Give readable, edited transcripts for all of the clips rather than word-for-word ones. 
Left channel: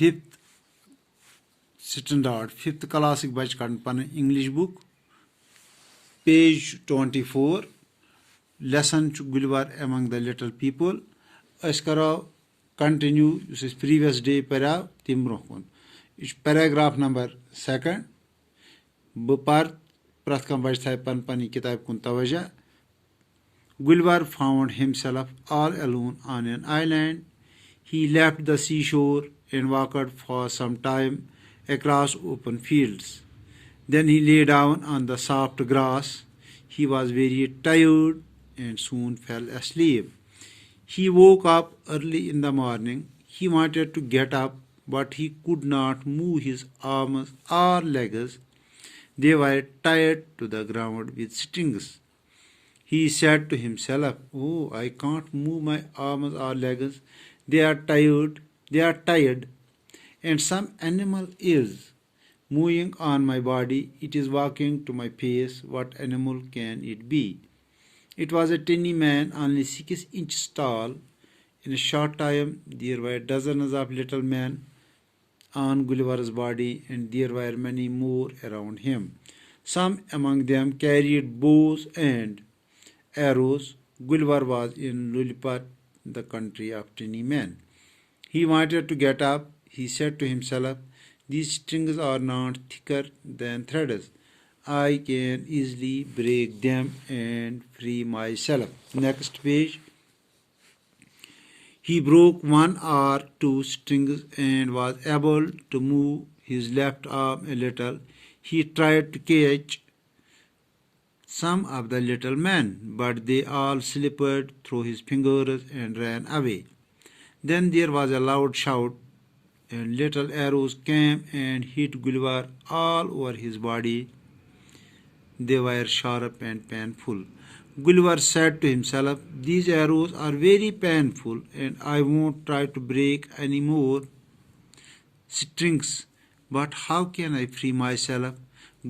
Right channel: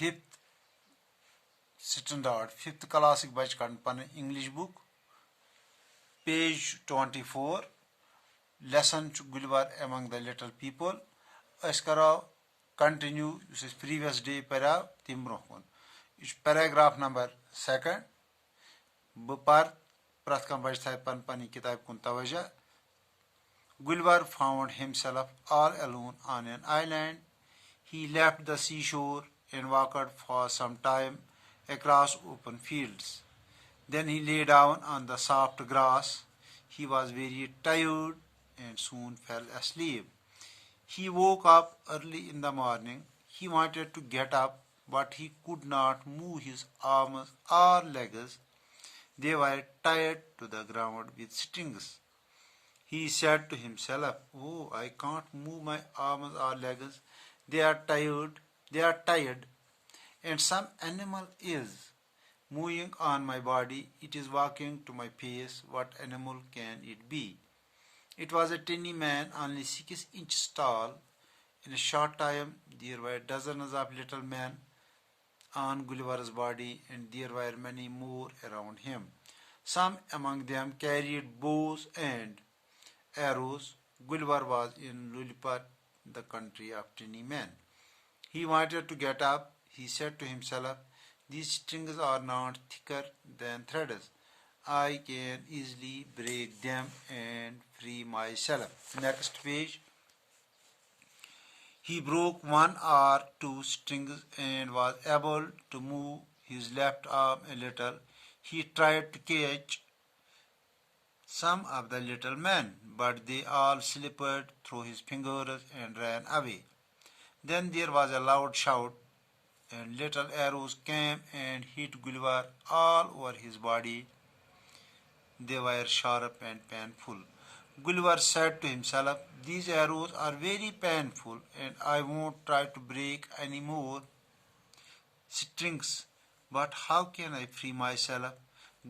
5th standard 5th class bach kan pan English book page 24 lesson Gulliver among the little people as karo continue this previous day para tim brokun is paragraph number 2 bapar prat kam bach thai pan pani kitab kun tawajah. Gulliver found himself all alone on an island. He left the seashore and walked for some time across open fields. Then he lay down on the soft grass. He was very tired and soon fell asleep. He woke up early in the morning. He wanted to get up, but he could not move his arms or legs. They were tied to the ground with strings. He said to himself, "Oh, I can't move my arms or legs. They are tired, and some animal is moving on my body. It is walking to my face. What animal can it be?" It was a tiny man, only 6 inches tall. In a short time, there were dozens of little men on Gulliver's body, and there were many more around him. Some among them carried bows and arrows. Gulliver was in Lilliput, the country of tiny men. He wanted to get up. He said to himself, "These strings are not thicker than threads. I can easily break them and free myself." Next page. He broke 1 or 2 strings and was able to move his left arm a little. He tried to catch some of the little men, but they all slipped through his fingers and ran away. Then there was a loud shout, and little arrows came and hit Gulliver all over his body. They were sharp and painful. Gulliver said to himself, "These arrows are very painful, and I won't try to break any more strings. But how can I free myself?"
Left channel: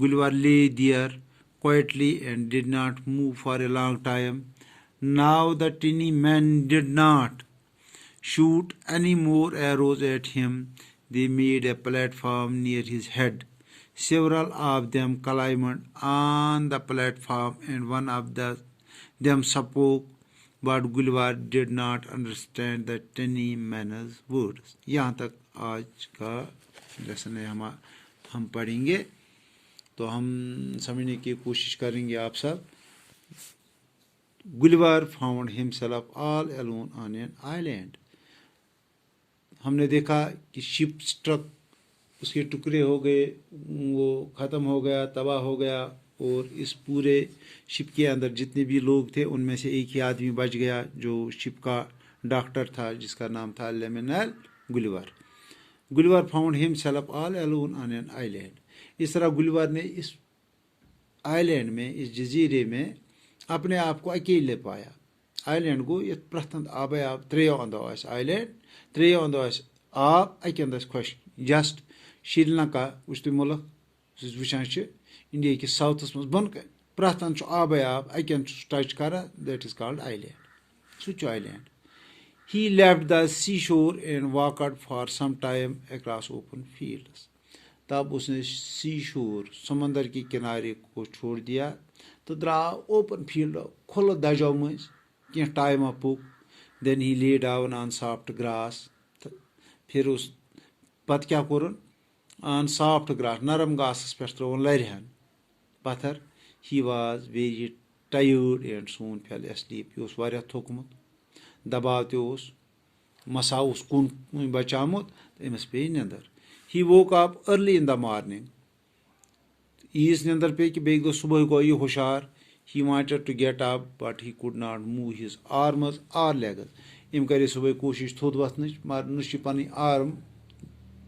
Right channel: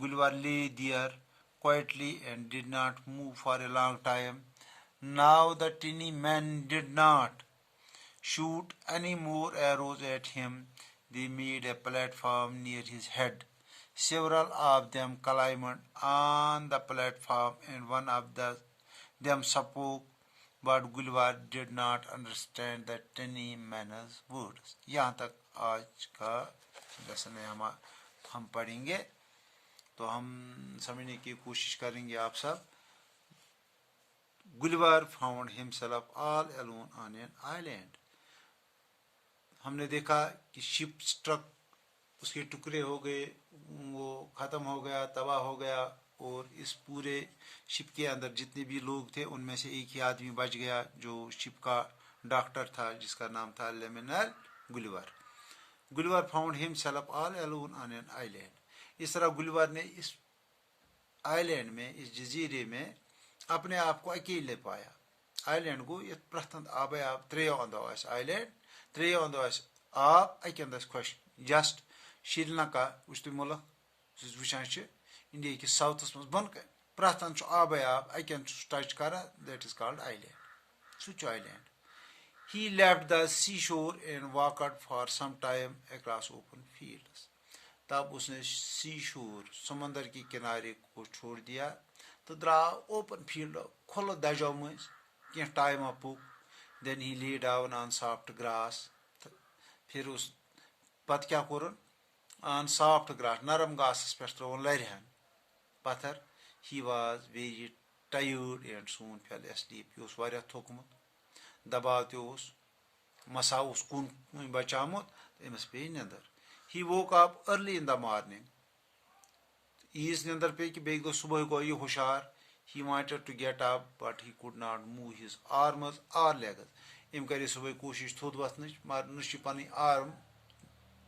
Gulliver lay there quietly and did not move for a long time. Now the tiny men did not shoot any more arrows at him. They made a platform near his head. Several of them climbed on the platform, and one of them spoke, but Gulliver did not understand the tiny men's words. यहाँ तक आज का lesson है हम पढ़ेंगे, तो हम समझने की कोशिश करेंगे आप सब. Gulliver found himself all alone on an island. हमने देखा कि शिप स्ट्रक, उसके टुकड़े हो गए, वो ख़त्म हो गया, तबाह हो गया, और इस पूरे शिप के अंदर जितने भी लोग थे उनमें से एक ही आदमी बच गया जो शिप का डॉक्टर था, जिसका नाम था लेमिनल Gulliver. Gulliver found himself all alone on an island. इस तरह गुलिवर ने इस आइलैंड में, इस जजीरे में अपने आप को अकेले पाया. आइलैंड को ये प्रथम आबे आप त्रेयो अंदो आस आइलैंड, त्रेयो अंदो आस आप अके अंदस खुश. जस्ट श्रीलंका उस मुल्क वुचान इंडिया के साउथस मज बन प्रथम आबे आप अके टच करा, that is called island. Such island. He left the seashore and walked for some time across open fields. तब उसने सीशोर, समंदर के किनारे को छोड़ दिया, तो द्राव ओपन फील्ड, खुला दजो मज क्या टाइम पुक. Then he lay down on soft grass. फिर उस पत क्या कोरन on soft grass, नरम घास पे त्रोन लरहन पत्थर. He was very tired and soon fell asleep. यह वारिया थोकमुत, दबाव ते मसा कुन बचामुत, अमस पे another. He woke up early in the morning. Is another पे कि बेग दो सुबह को ये होशियार. He wanted to get up, but he could not move his arms or legs. इम करे सुबह कोशिश थोद वथनच, मगर नुश पन आर्म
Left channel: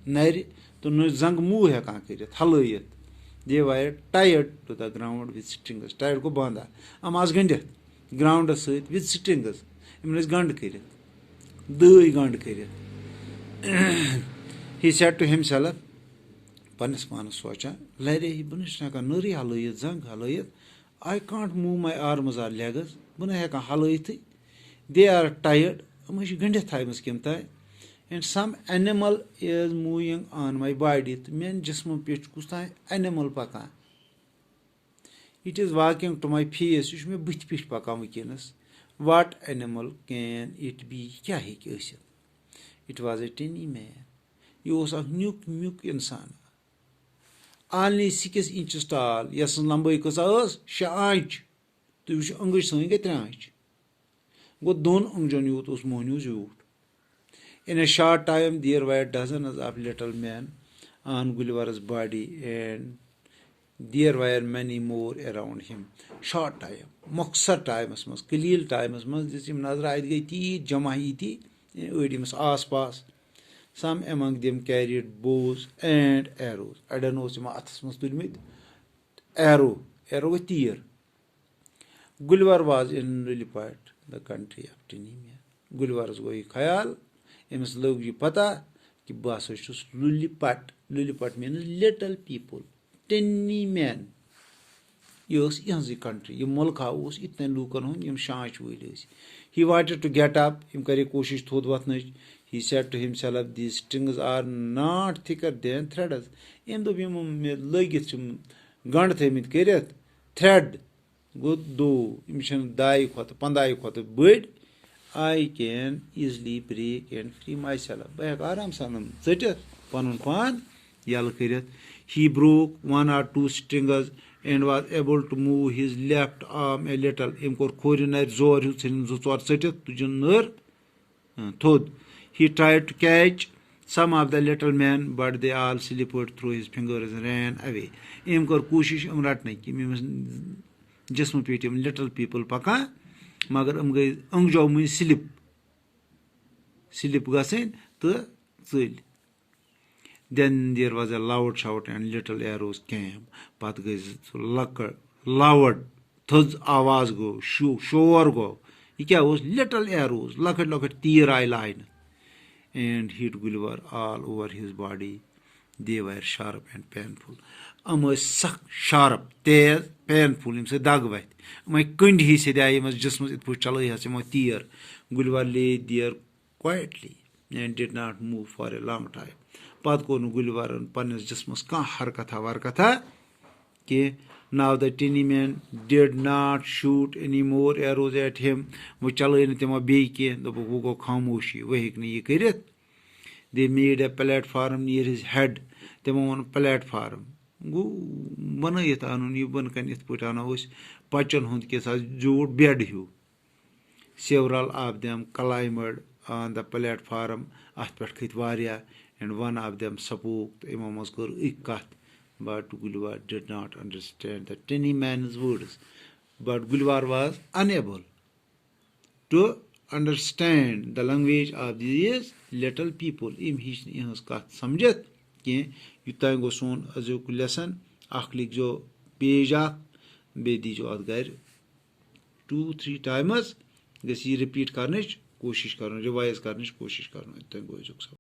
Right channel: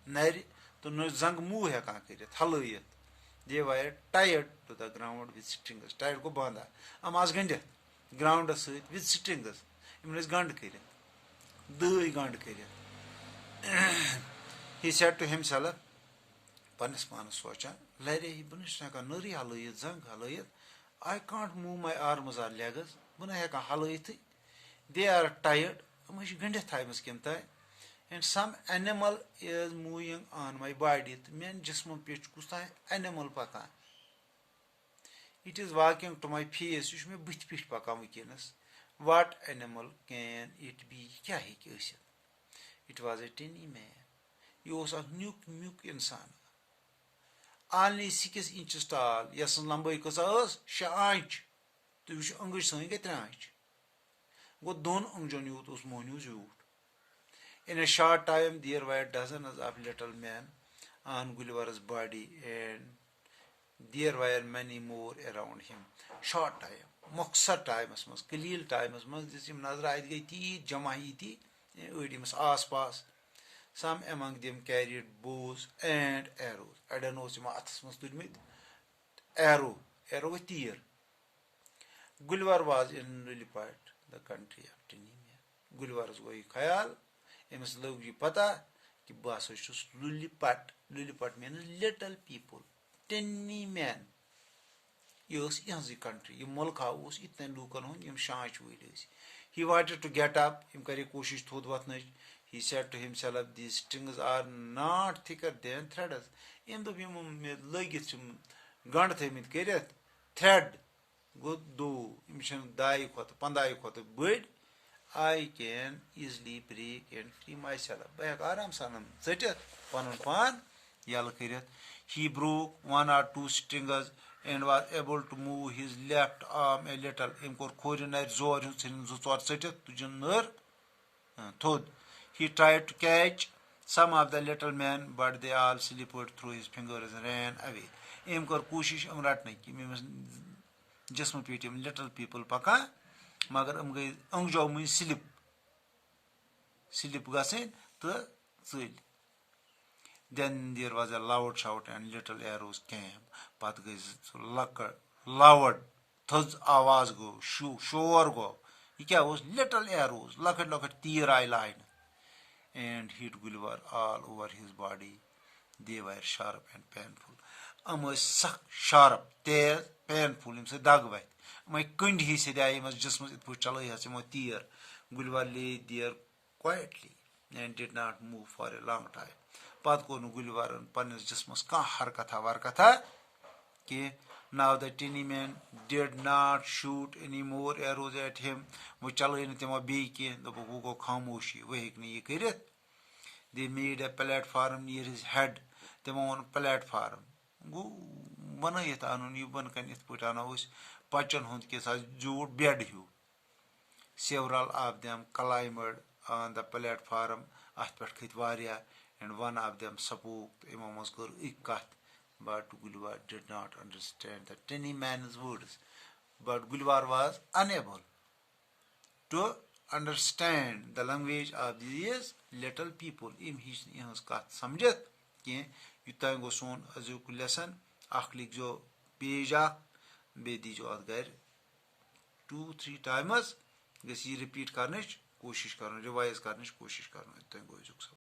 नर तो न जंग मूव हेकान कर हलत. They were tied to the ground with strings. Tied को बांधा अम आज गंडित ग्राउंड सहित with strings. इमन गंड कर दई गंड कर. He said to himself, पन्नस पानस सोचा, लरे ही बनुश ना का नरी हलयत, जंग हलयत. I can't move my arms or legs. बन हेका हलयत. They are tired. अम गंडित थाय मस किम ताय. and some animal is moving on my body. Mein jism pe kus ta animal pakan. It is walking to my face. Yus me bith pith pakan wikenas. What animal can it be? Kya hai ki ٲسِتھ? It was a tiny man. Yeh was akh mjuk insan. Only 6 inches tall. Yas lambai kasa ٲs 6 inch. Tu wich angaj sain gay 3 inch. Go 2 angjan yut us mohnu zut. In a short time, there were dozens of little men on Gulliver's body, and there were many more around him. Short time, moksar time, kalil time, jisim nazar aid gayi ti, jama hi ti, ödimus aspas. Some among them carried bows and arrows. I don't know sima athas tulmid. Arrow with tear. Gulliver was in Lilliput, the country of Tinimia. Gulliver's goi khayal. Emis log ye pata ki bas chus Lilliput. Lilliput means little people. Tiny men. Yos yanzi country. Ye mulka us itne lukan hun yem shanch wili. He wanted to get up. Him kare koshish thod watnach. He said to himself, these strings are not thicker than threads. Em do bim lagit chum gand themit keret. Thread. Good do. Imshan dai khot pandai khot bird. I can easily break and free myself. By aram sanam zetet panun pan yal kiret. He broke 1 or 2 strings and was able to move his left arm a little. Imkor khorinar zor husin zutor zetet tujunur thod. He tried to catch some of the little men, but they all slipped through his fingers and ran away. Imkor kushish amrat nahi ki jism petim little people paka. Magar angjo mun slip gasen to zil. Then there was a loud shout and little arrows came. Pat guys loud thud awaz go shore go. Ikya was little arrows lakat tear eye line and hit Gulliver all over his body. They were sharp and painful. Sharp, tear, painful. Him say dagwait. My kind he said I must just it put chalai has my tear. Gulliver lay there quietly and did not move for a long time. Pat ko Gulliver and Panis just must ka harkatha varkatha. Now the tiny man did not shoot any more arrows at him. They made a platform near his head. They on platform. Several of them climbed on the platform and one of them spoke. But Gulliver did not understand the tiny man's words. But Gulliver was unable to understand the language of these little people. Im hiç kat samjat ki yutango son azuk lesson akhlik jo page bedi jo adgar 2-3 times gesi repeat karnech koshish karno revise karnech koshish karno yutango azuk